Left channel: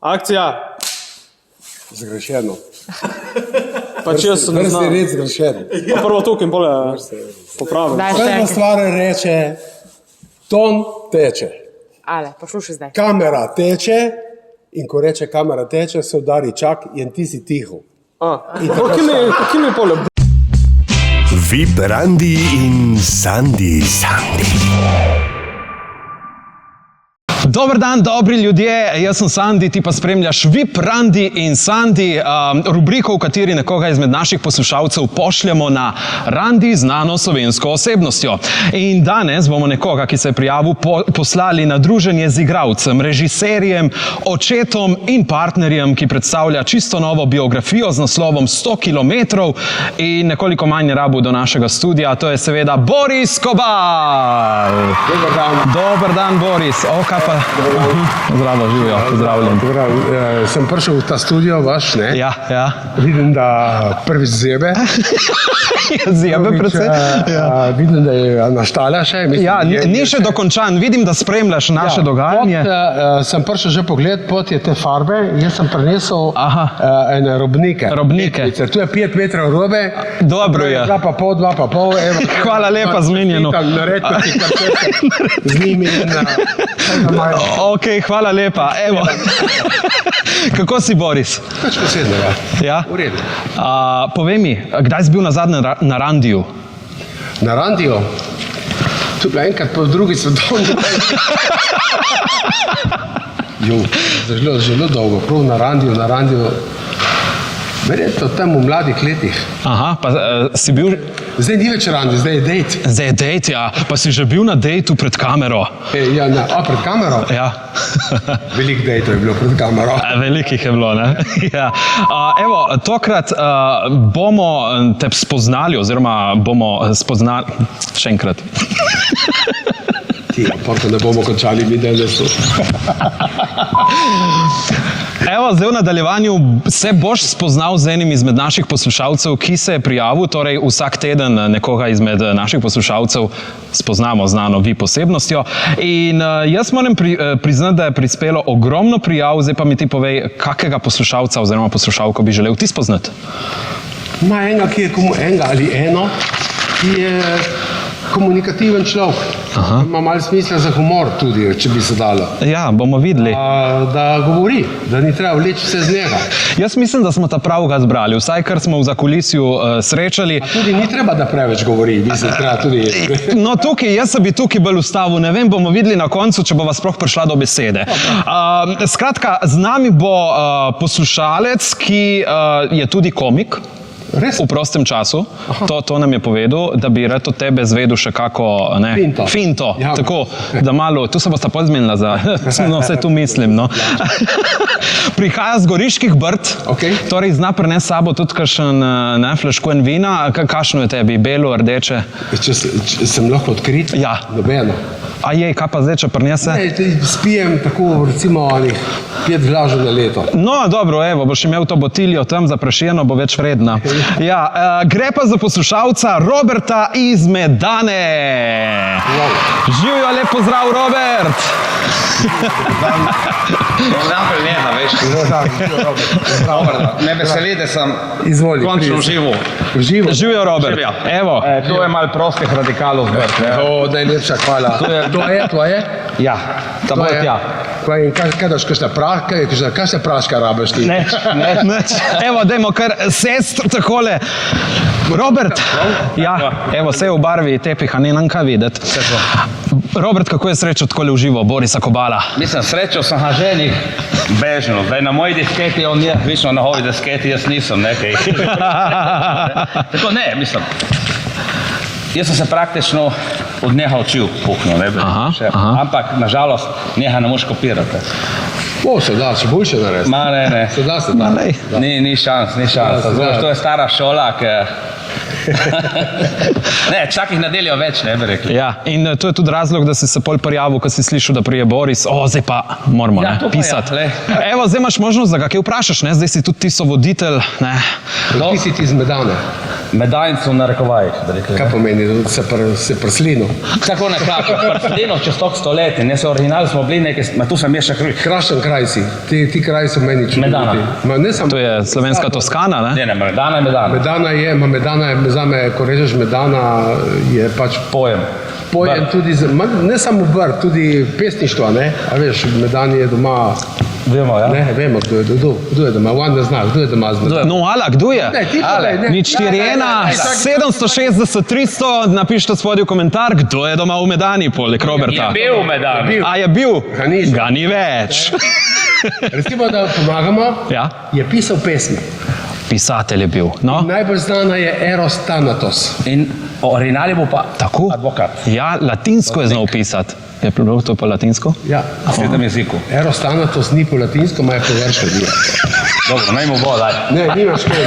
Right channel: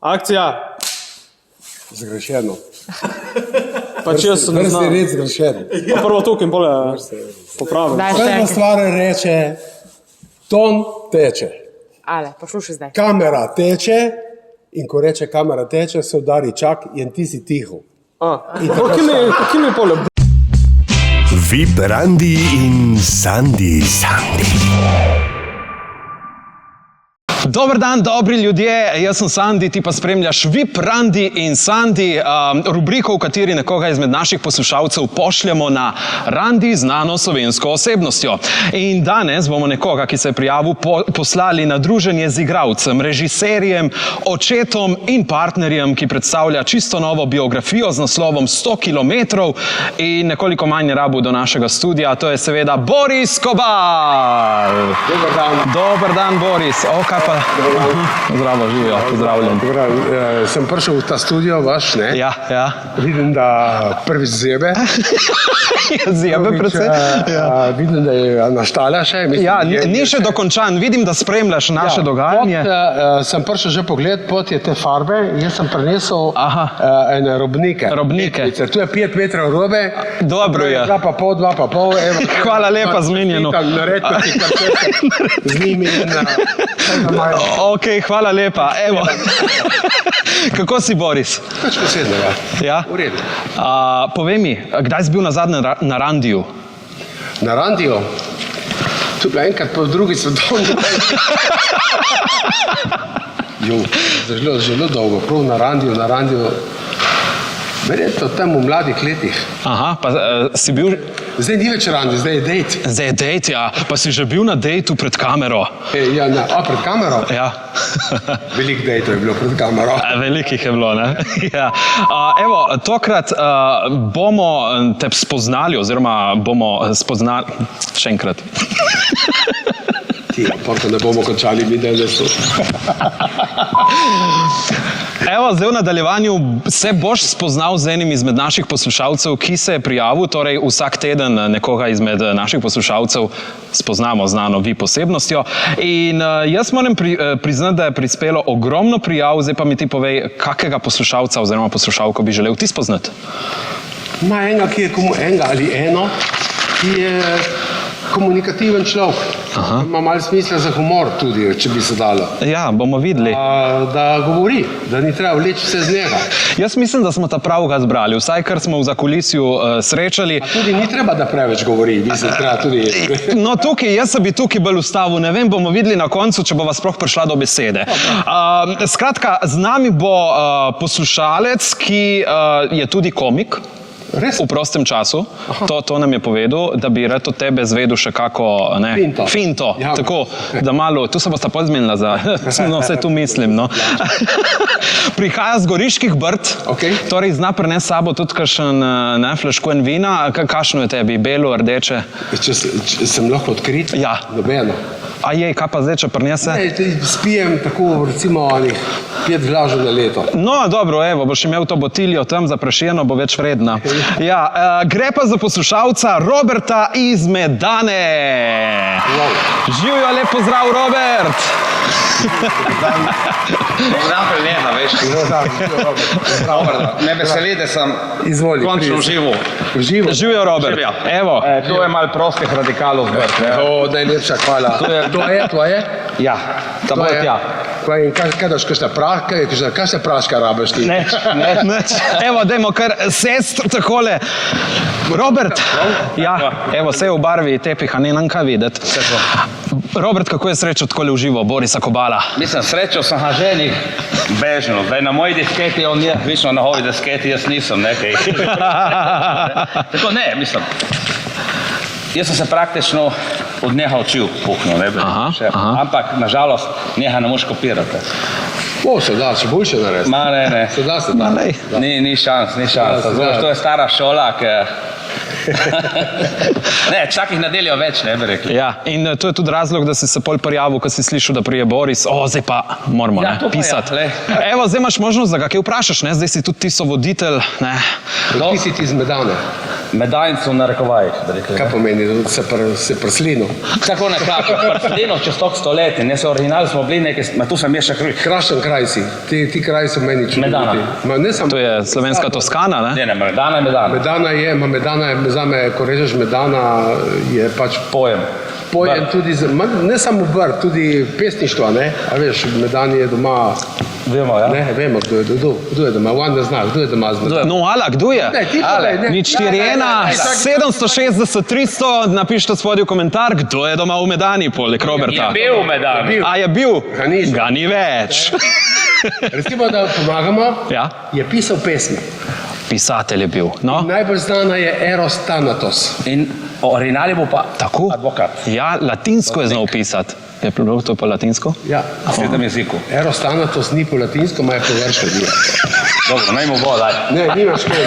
Akcija! Zgrešeno. Pa če jaz ne Vrsti znam. red zgrešeno. Pa prvo tukaj in pole popravim. Daj še Prva enkrat. stvar reče, ton teče. Ale, poslušaj zdaj. Kamera teče in ko reče kamera teče, se udari čak in ti si tiho. Kje mi je pole? VIP Randi in Sandi. Dober dan, dobri ljudje, jaz sem Sandi, ti pa spremljaš VIP Randi in Sandi, rubriko, v kateri nekoga izmed naših poslušalcev pošljemo na randi znano slovensko osebnostjo. In danes bomo nekoga, ki se je prijavil, poslali na druženje z igralcem, režiserjem, očetom in partnerjem, ki predstavlja čisto novo biografijo z naslovom 100 kilometrov in nekoliko manj je rabil do našega studia, to je seveda Boris Kobal. Dobar dan. Dober dan, Boris. O, kaj pa? Zdravo, živijo, pozdravljen. Sem prišel v ta studio vaš, ne? Ja. Vidim, da prvič zjebe. Zjebe predvsem. Vidim, da je naštala še. Mislim, Ja, ni še dokončan. Vidim, da spremljaš naše dogajanje. Sem prišel že pogled, pot je te farbe. Jaz sem prinesel ene robnike. Robnike. Tu je 5 metrov robe. Dobro je. 2,5. Evo, Hvala lepa, zmenjeno. Nared, kot ti kartete z njimi in Ok, hvala lepa. Evo. Kako si, Boris? Več posebnega. Ja? V redu. Povej mi, kdaj si bil nazadnje na Randiju? Na Randiju? Tu je bila enkrat po drugi svetovni vojni. Zelo dolgo, prav na Randiju. Verjetno tam v mladih letih. Aha, pa si bil... Zdaj ni več Randi, zdaj je dejt. Zdaj je dejt, ja. Pa si že bil na dejtu pred kamero. Pred kamero? Ja. Veliko dejtov je bilo pred kamero. Velikih je bilo, ne? Ja. Evo, tokrat bomo te spoznali, oziroma bomo spoznali... Še enkrat. Porko ne bomo končali video. Evo, zdaj v nadaljevanju se boš spoznal z enim izmed naših poslušalcev, ki se je prijavil, torej vsak teden nekoga izmed naših poslušalcev spoznamo znano vi posebnostjo. In jaz moram priznati, da je prispelo ogromno prijav, zdaj pa mi ti povej, kakega poslušalca oziroma poslušalko bi želel ti spoznati? Enega, ki je enega ali eno, ki je komunikativen človek. Ima malo smisla za humor tudi, če bi se dalo. Ja, bomo videli. Da govori, da ni treba vleči vse z njega. Jaz mislim, da smo ta pravega zbrali, vsaj kar smo v zakulisju srečali. Tudi ni treba, da preveč govori, mislim, treba tudi... No, jaz se bi tukaj bolj ustavil, ne vem, bomo videli na koncu, če bova sploh prišla do besede. Skratka, z nami bo poslušalec, ki je tudi komik. Res? V prostem času. To nam je povedal, da bi rad od tebe zvedel še kako... Finto. Ja, tako, da malo... Tu se bosta pozmenila za... No, vse tu mislim, no. Prihaja z Goriških Brd. Torej, zna prinesti s sabo tudi kakšen flaško in vina. Kakšno je tebi? Belo, rdeče? Če sem lahko odkrit? Ja. Nobeno. A jej, kaj pa zdaj, če prinese? Spijem tako, recimo, 5 glažev na leto. No, dobro, evo, boš imel to botiljo tam zaprašeno, bo več vredna. Ja, gre pa za poslušalca Roberta iz Medane. Živijo, lep pozdrav, Robert! Dobar preneha, veš. Me veseli, da sem končno živel. Živijo, Robert. Evo. To je malo prostih radikalov zbrt. Najlepša hvala. To je tvoje? Ja, ta bo tja. Kaj daš, kakšne praške rabiš ti? Neč. Evo, dajmo kar sestr takole. Robert. Ja, evo, vse je v barvi tepiha, ne nam kaj videti. Robert, kako je srečo takole uživo Borisa Kobala? Mislim, srečo sem ga ženih bežno. Zdaj na moji disketi, on je vično na hovi disketi, jaz nisem nekaj. Tako ne, mislim. Jaz sem se praktično od njega učil puhno, ne bi. Ampak, nažalost, njega ne moš kopirati. Se da, če boljše narediti. Ma ne. Se da. Ni šans. To je stara šola, ki... Ne, vsakih nedeljo več, ne bi rekli. Ja, in to je tudi razlog, da si se pol prijavil, ko si slišal, da prije Boris. Zdaj pa moramo pisati. Evo, zdaj imaš možnost, da ga kaj vprašaš, ne? Zdaj si tudi ti sovoditelj, ne? Ti si ti iz Medane. Medanjcu na rekovajih. Kaj pomeni, da se prslino? Tako nekako, prslino čez tok stoletij, ne se original smo bili nekaj, tu sem je še krvi. Krašen kraj si, ti kraji so meni čudoviti. Medana. Ne samo To je slovenska Toskana, ne? Ne, Medana je Medana. Medana je zame, ko rečeš Medana, je pač Pojem. pojem tudi, ne samo vrt, tudi pesništva, ne? A veš, Medani je doma, Vemo, ja? ne, vemo, kdo je doma, Wanda zna, kdo je doma z Medana. No, ala, kdo je? Ne, ti povej, ne. Nič 4-1, 760 300, napišite spodaj v komentar, kdo je doma v Medani, poleg Roberta. Je bil v Medani. A je bil? Ga ni. Ga ni več. Recimo, da pomagamo, Ja, je pisal pesmi. pisatelj je bil. No, Najbolj znana je Eros Thanatos. In original je bil pa tako? advokat. Ja, latinsko je znal pisati. Je bilo to pa latinsko? Ja. V svetem jeziku. Eros Thanatos ni po latinsko, ima je po grško. Dobro, naj mu bo, daj. Ne, nimaš kaj.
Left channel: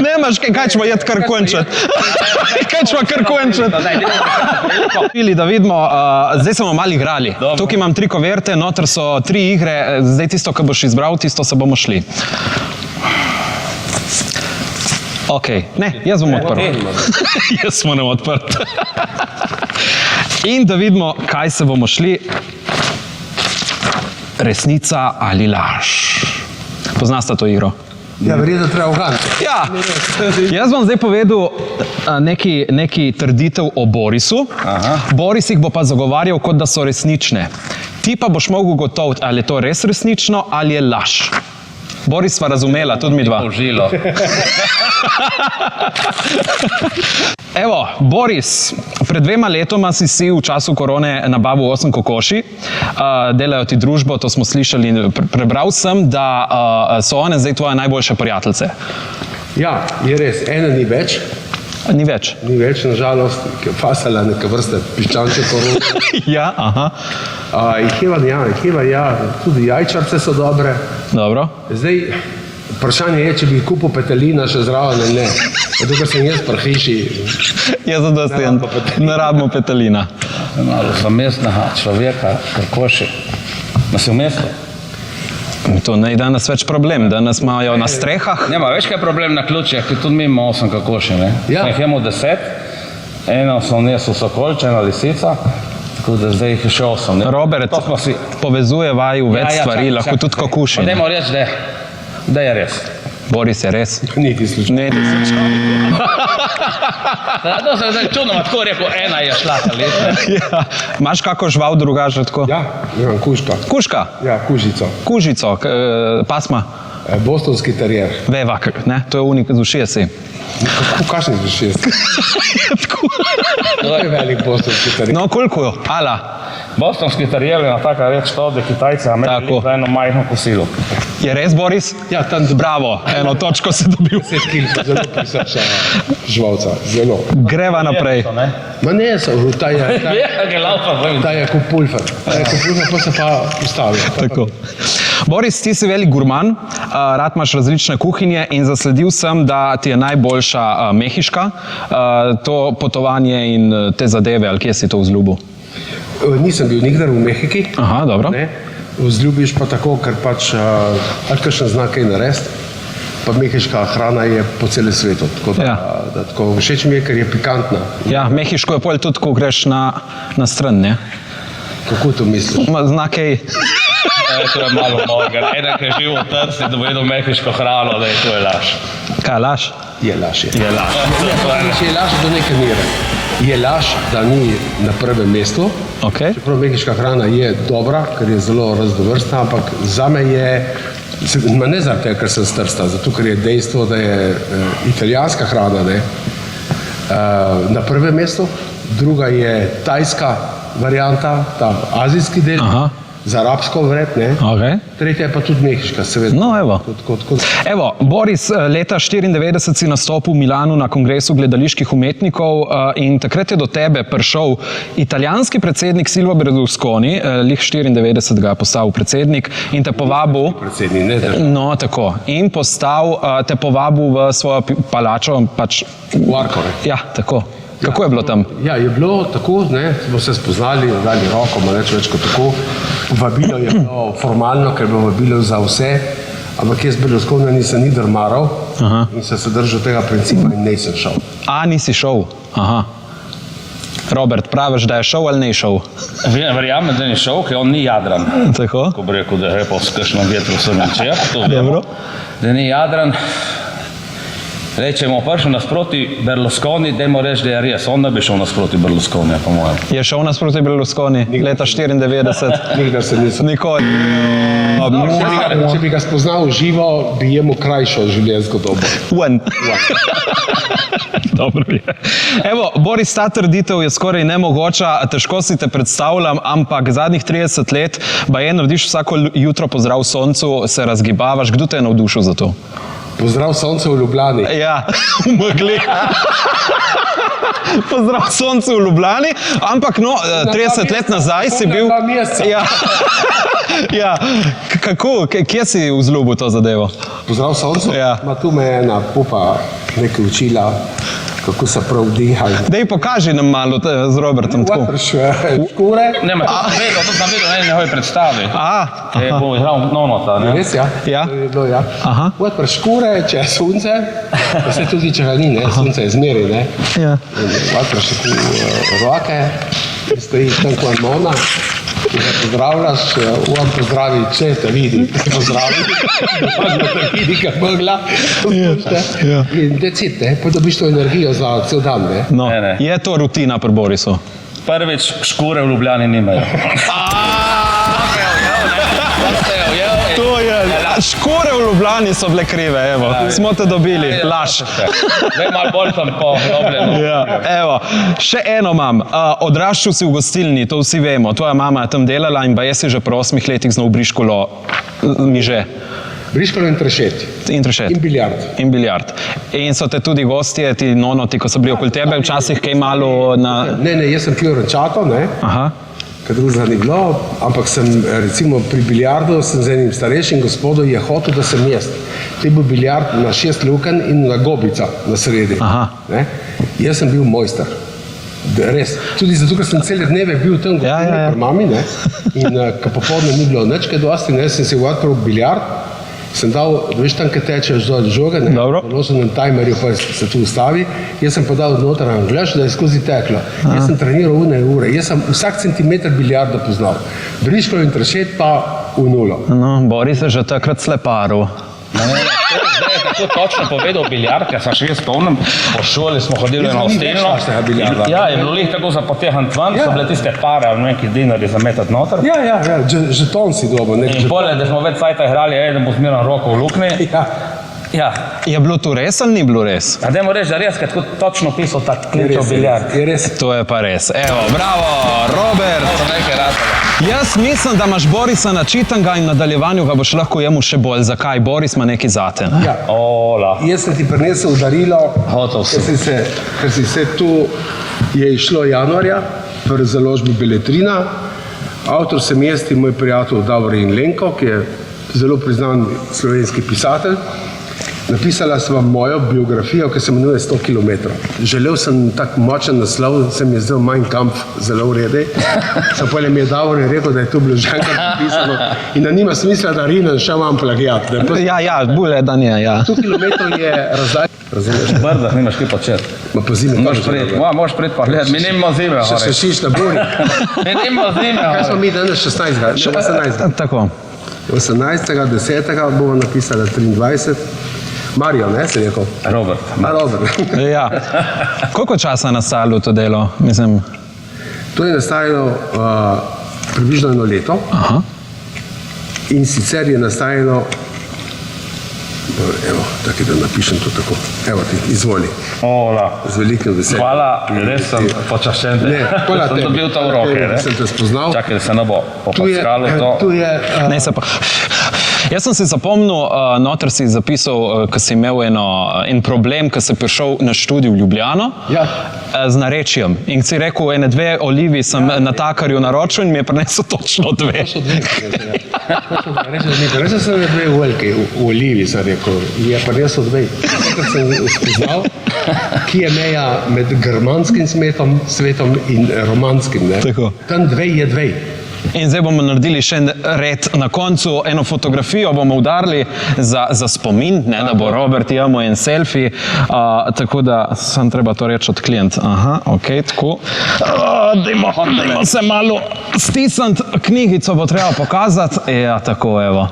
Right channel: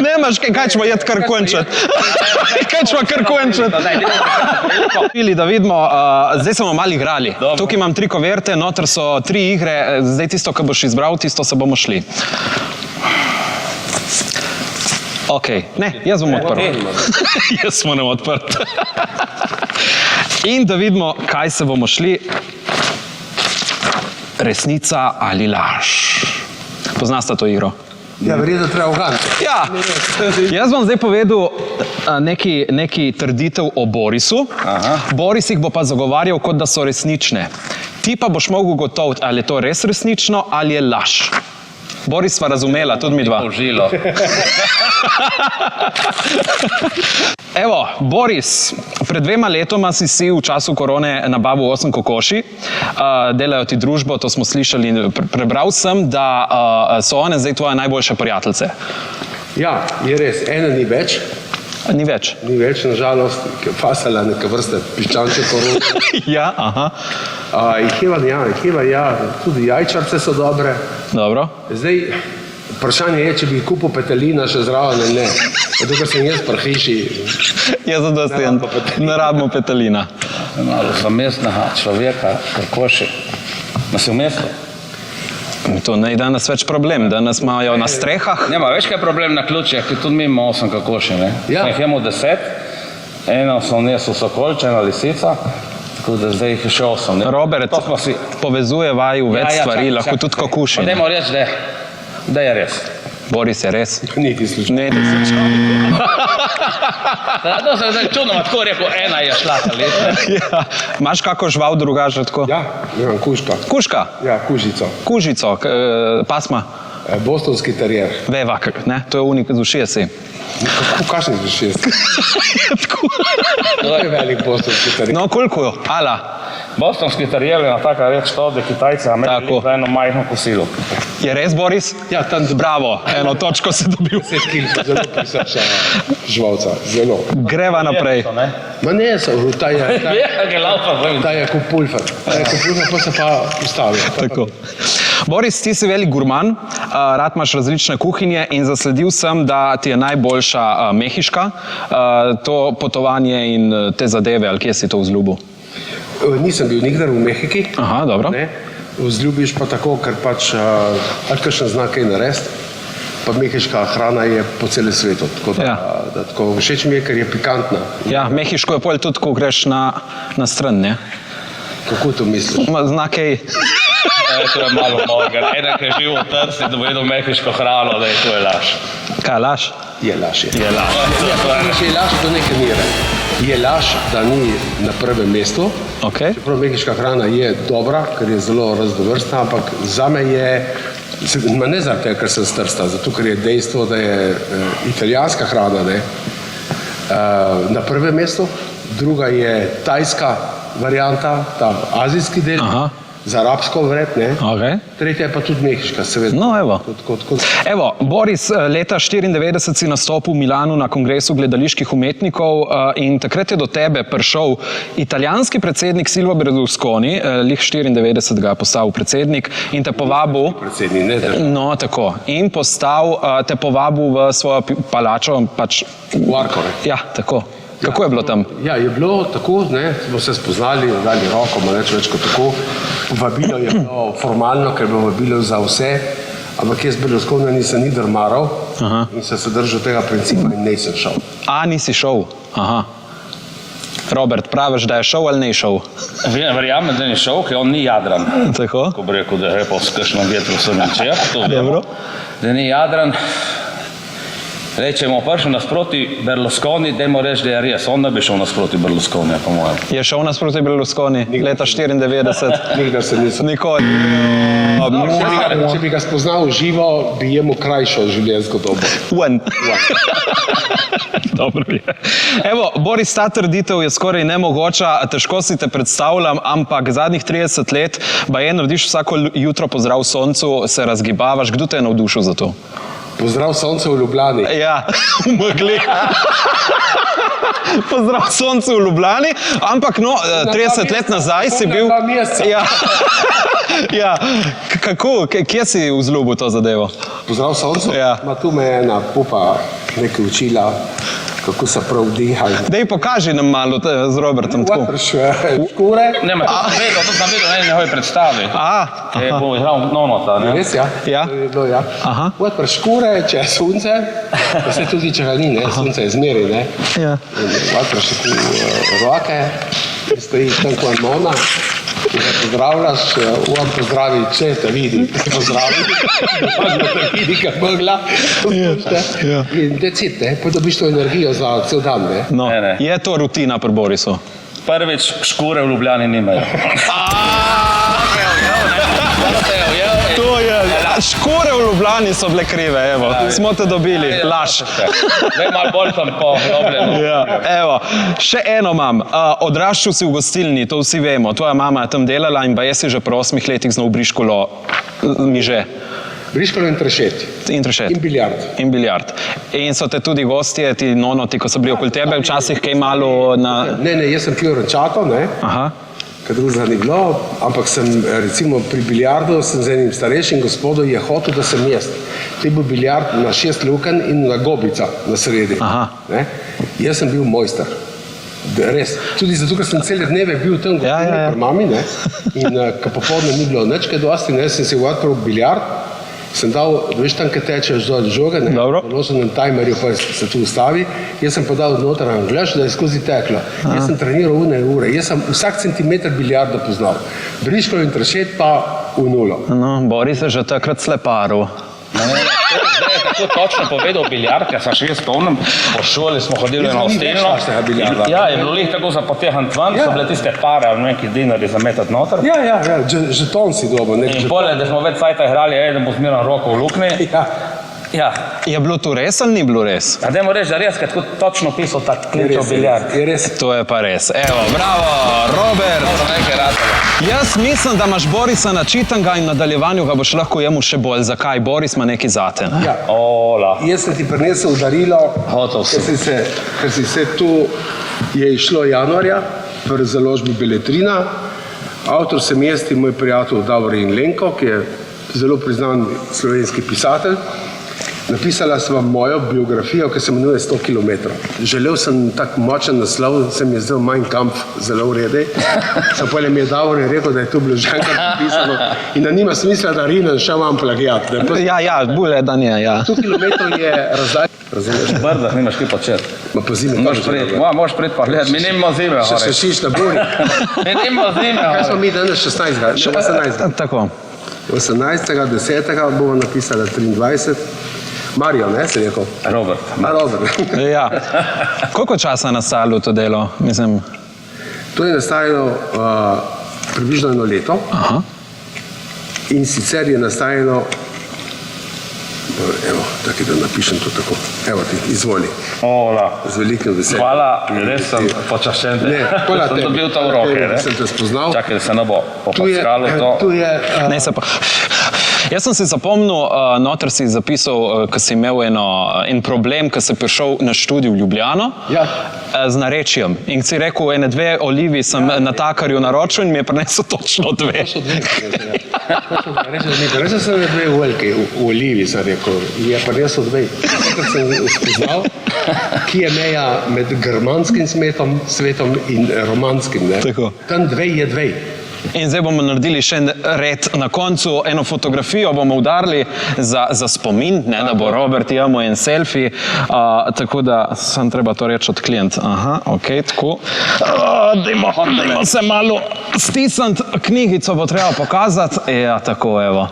Nemaš kaj ćemo jet kar končati. Kaj ćemo kar končati. Pili, da vidimo, zdaj smo malo igrali. Dobro. Tukaj imam 3 koverte, noter so 3 igre, zdaj tisto, kar boš izbral, tisto se bomo šli. Ok, ne, jaz bom odprl. Jaz moram odprt. In da vidimo, kaj se bomo šli. Resnica ali laž. Poznate to igro? Ja, verjetno treba uganiti. Ja, jaz bom zdaj povedal neki trditev o Borisu. Aha. Boris jih bo pa zagovarjal, kot da so resnične. Ti pa boš mogel ugotoviti, ali je to res resnično ali je laž. Boris sva razumela, tudi mi dva. Užilo. Evo, Boris, pred 2 letoma si v času korone nabavil 8 kokoši, delajo ti družbo, to smo slišali, prebral sem, da so one zdaj tvoje najboljše prijateljice. Ja, je res, ena ni več. Ni več. Ni več, nažalost, ker fasala neka vrsta piščanče korona. Ja, aha. Ja, tudi jajčarce so dobre. Dobro. Zdaj, vprašanje je, če bi kupil petelina še zraven ali ne. Dokler sem jaz pri hiši. Jaz zadostujem, ne rabimo petelina. Malo za mestnega človeka, kokoši. Ma si v mestu? To ne je danes več problem, danes imajo na strehah. Nema, veš kaj je problem na ključih, ki tudi mi imamo 8 kokoši, ne? Ja. Jih imamo 10, eno sem nesel sokolče, ena lisica, tako da zdaj jih je še 8. Ne? Robert, To smo si... povezuje vaju več stvari, čakaj, lahko čakaj. tudi kokuši. Pa dajmo reči, da je res. Boris je res. Niti slučaj. Ne, ti se To se je zdaj čudno, tako rekel, ena je šla ta leta. Ja. Imaš kako žival drugače tako? Ja, imam kužka. Kužka, Ja, kužico. kužico, pasma, Bostonski terier. vevak, ne? To je unik z ušesi. Kakšni so 6? To je velik bostonski terier. No, koliko? Ala. Bostonski terier je na taka reč to, da Kitajce Tako. imeli za eno majhno kosilo. Je res, Boris? Ja, tam Bravo, 1 točko si dobil. 10 kil, zelo prisrča živalca, zelo. Greva naprej. Ma ne, ta je kot pulfer. Pa se pa ustavi. Tako. Boris, ti si velik gurman, rad imaš različne kuhinje in zasledil sem, da ti je najboljša mehiška, to potovanje in te zadeve, ali kje si to vzljubil? Nisem bil nikdar v Mehiki. Aha, dobro. Ne? Vzljubiš pa tako, ker pač ali kakšen znak kaj narediti. Pa mehiška hrana je po celem svetu. Tako da, Ja. da tako všeč mi je, ker je pikantna. Ja, mehiško je pol tudi, ko greš na stran, ne? Kako to misliš? Znak kaj... To je malo mojega. Eden, ki je živ v Trsti, da bo jedel mehiško hrano, da je to je laž. Kaj, laž? Je laž. Je laž. Je laž do neke mere. Je laž, da ni na prvem mestu. Okay. Čeprav mehiška hrana je dobra, ker je zelo raznovrstna, ampak zame je, ne zaradi tega, ker sem s Trsta, zato ker je dejstvo, da je italijanska hrana na prvem mestu, druga je tajska varianta, ta azijski del, Aha. z arabsko vred, ne? Okay. Tretja je pa tudi mehiška, seveda. No, evo. Kot Evo, Boris, leta 1994 si nastopil v Milanu na kongresu gledaliških umetnikov in takrat je do tebe prišel italijanski predsednik Silvio Berlusconi, lih 94 ga je postal predsednik in te povabil... predsednik, ne držav. No, tako. In te povabil v svojo palačo, pač... V Arcore. Ja, tako. Kako je bilo tam? Ja, je bilo tako, ne, smo se spoznali, dali roko, malo več kot tako. Vabilo je bilo formalno, ker je bilo vabilo za vse, ampak jaz Berlusconija nisem ni drmaral in sem se držal tega principa in nisem šel. A, nisi šel? Aha. Robert, praviš, da je šel ali ne šel? Verjamem, da ni šel, ker on ni jadran. Tako? Ko bi rekel, da je pa s kakšnim vetrom sem načel, to vemo. Dobro. Da ni jadran. Rečemo, prišel nasproti Berlusconi, dajmo reči, da je res. On ne bi šel nasproti Berlusconija, po mojem. Je šel nasproti Berlusconi leta 94? Nikdar se nisem. Nikoli. Če bi ga spoznal v živo, bi jemu krajšal življenjsko dobo. Dobro je. Evo, Boris, ta trditev je skoraj nemogoča, težko si te predstavljam, ampak zadnjih 30 let baje narediš vsako jutro pozdrav soncu, se razgibavaš. Kdo te je navdušil za to? Pozdrav sonce v Ljubljani. Ja, v megli. Pozdrav soncu v Ljubljani, ampak no, 30 let nazaj si bil... Na 2 meseca. Ja. Ja, kako, kje si vzljubil to zadevo? Pozdrav soncu? Ja. Ma tu me je ena pupa nekaj učila, kako se prav diha. Dej, pokaži nam malo z Robertom tako. Škure. Ne, to sem vedel na eni njegovi predstavi. Je bo igral nonota, ne? Res, ja? Ja. To je bilo, ja. Aha. Odpr škure, če je sonce, pa se tudi, če ga ni, ne? Sonce je zmeri, ne? Ja. Odpr še roke, stoji tam kot nona. Če ga pozdravljaš, on pozdravi, če te vidi, pozdravi, da te vidi, kaj mogla. In decite, pa dobiš to energijo za cel dan, ne? No, Ne. je to rutina pri Borisu? Prvič, škure v Ljubljani nimajo. To je, škore v Ljubljani so bile krive, evo, smo te dobili, laž. Zdaj malo bolj sem podobljen. Ja, evo, še eno imam. Odraščal si v gostilni, to vsi vemo. Tvoja mama je tam delala in baje si že pri 8 letih znal briškolo miže. Briškalo in trešet. In trešet. In biljard. In biljard. In so te tudi gostje, ti nonoti, ko so bili okoli tebe, včasih kaj malo na... Ne, jaz sem pil rančato, ne? Aha. Kaj drugega ni bilo, ampak sem recimo pri biljardu sem z enim starejšim gospodom je hotel, da sem jaz. To je bil biljard na 6 lukenj in na gobica na sredi. Aha. Ne? Jaz sem bil mojster. Res. Tudi zato, ker sem cele dneve bil tam pri mami, ne? In ko popoldne ni bilo nič kaj dosti, ne? Sem se odprl biljard, sem dal, veš tam, kaj tečeš dol žoge, ne? Dobro. Ložil na timerju, pa se tu ustavi. Jaz sem podal noter anglež, da je skozi teklo. Jaz sem treniral ure. Jaz sem vsak centimeter biljarda poznal. Briškalo in trešet pa v nulo. No, Boris je že takrat sleparil. Zdaj je tako točno povedal biljard, ker sem še jaz spomnim, po šoli smo hodili na ostelno. Ja, je bilo lih tako za potehan tvan, so bile tiste pare ali neki dinari za metat noter. Ja, žeton si dobil. In pole, da smo več cajta igrali, da bo zmeran roko v luknji. Ja. Je bilo to res ali ni bilo res? A dajmo reči, da res, ker tako točno pisal tak kličev biljard. Je res. To je pa res. Evo, bravo, Robert. Jaz mislim, da imaš Borisa načitanga in v nadaljevanju ga boš lahko jemu še bolj. Zakaj? Boris ima nekaj zate. Ne? Ja. Ola. Jaz sem ti prinesel darilo, Hotel sem. ker si se tu je išlo januarja v založbi Beletrina. Avtor sem jaz in moj prijatelj Davorin Lenko, ki je zelo priznan slovenski pisatelj. Napisala sem mojo biografijo, ki se imenuje 100 km. Želel sem tak močen naslov, se mi je zdel Mein Kampf zelo v redu. Potem mi je Davor rekel, da je to bilo že enkrat napisano in da nima smisla, da rinem še imam plagijat. Ja, bolje, da nije, ja. 100 km je razdalja. Razumeš? Brdah nimaš kaj početi. Ma pa zime. Moš pred pa gledati, mi nimamo zime. Še šiš na bori. Mi nimamo zime. Kaj smo mi danes 18. Tako. 18. 10. bomo napisali 23. Marijo, ne, si rekel? Robert. Robert. Ja. Koliko časa je nastajalo to delo? Mislim... To je nastajalo približno 1 leto. Aha. In sicer je nastajalo, evo, tako da napišem to tako. Evo ti, izvoli. Ola. Z velikim veseljem. Hvala, res sem počaščen. Ne, hvala tebi. Sem dobil to v roke, ne? Sem te spoznal. Čakaj, da se ne bo popackalo to. Tu je... Ne se pa... Jaz sem si zapomnil, noter si zapisal, ko si imel en problem, ko si prišel na študij v Ljubljano z narečjem. In si rekel, 2 olivi sem natakarju naročil in mi je prinesel točno 2. Res sem 2 velike olivi, sem rekel, je prinesel 2. Takrat sem spoznal, ki je meja med germanskim svetom in romanskim. Tako. Tam 2 je 2. In zdaj bomo naredili še en red na koncu, eno fotografijo bomo udarili za spomin, ne, da bo Robert imel en selfie, tako da sem treba to reči od klient. Aha, ok, tako. Dajmo se malo stisniti, knjigico bo treba pokazati. Ja, tako, evo.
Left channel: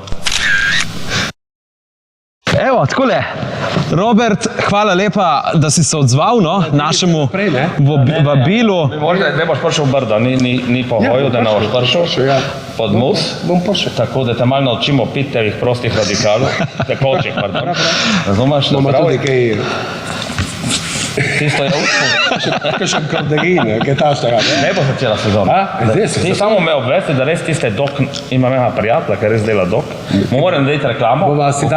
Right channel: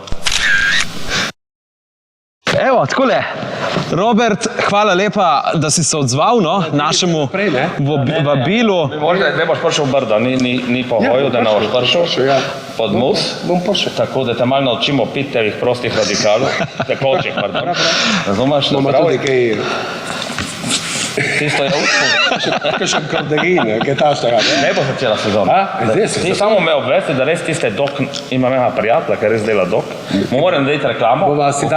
Evo, takole. Robert, hvala lepa, da si se odzval našemu vabilu. Možda ne boš prišel v brdo, ni po hoju, da ne boš prišel pod mus. Bom prišel. Tako da te malo naučimo piti teh prostih radikalov, tekočih, pardon. Razumeš? Bomo tudi kaj... Tisto je uspod. Kakšen korderin, kaj taštega. Ne bo začela sezona. Ti samo me obvesti, da res tiste dok, imam ena prijatelja, ki res dela dok. Mu moram narediti reklamo. Si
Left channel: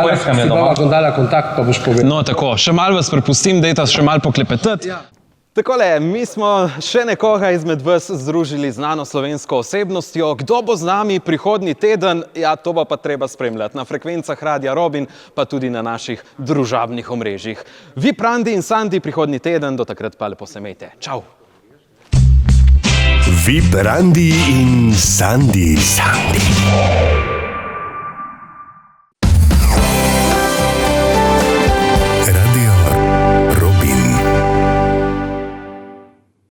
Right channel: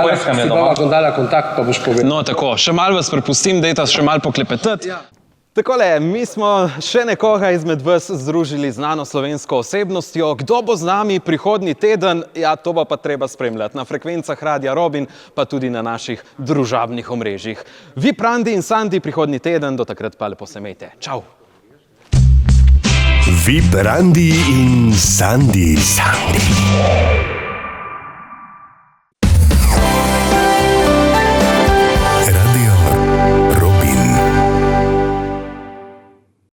dala kontakt, pa boš povedal. No, tako, še malo vas prepustim, dajte še malo poklepetati. Takole, mi smo še nekoga izmed vas združili z znano slovensko osebnostjo. Kdo bo z nami prihodnji teden? Ja, to bo pa treba spremljati na frekvencah Radia Robin, pa tudi na naših družabnih omrežjih. VIP Randi in Sandi prihodnji teden, do takrat pa lepo se imejte. Čau! VIP Randi in Sandi.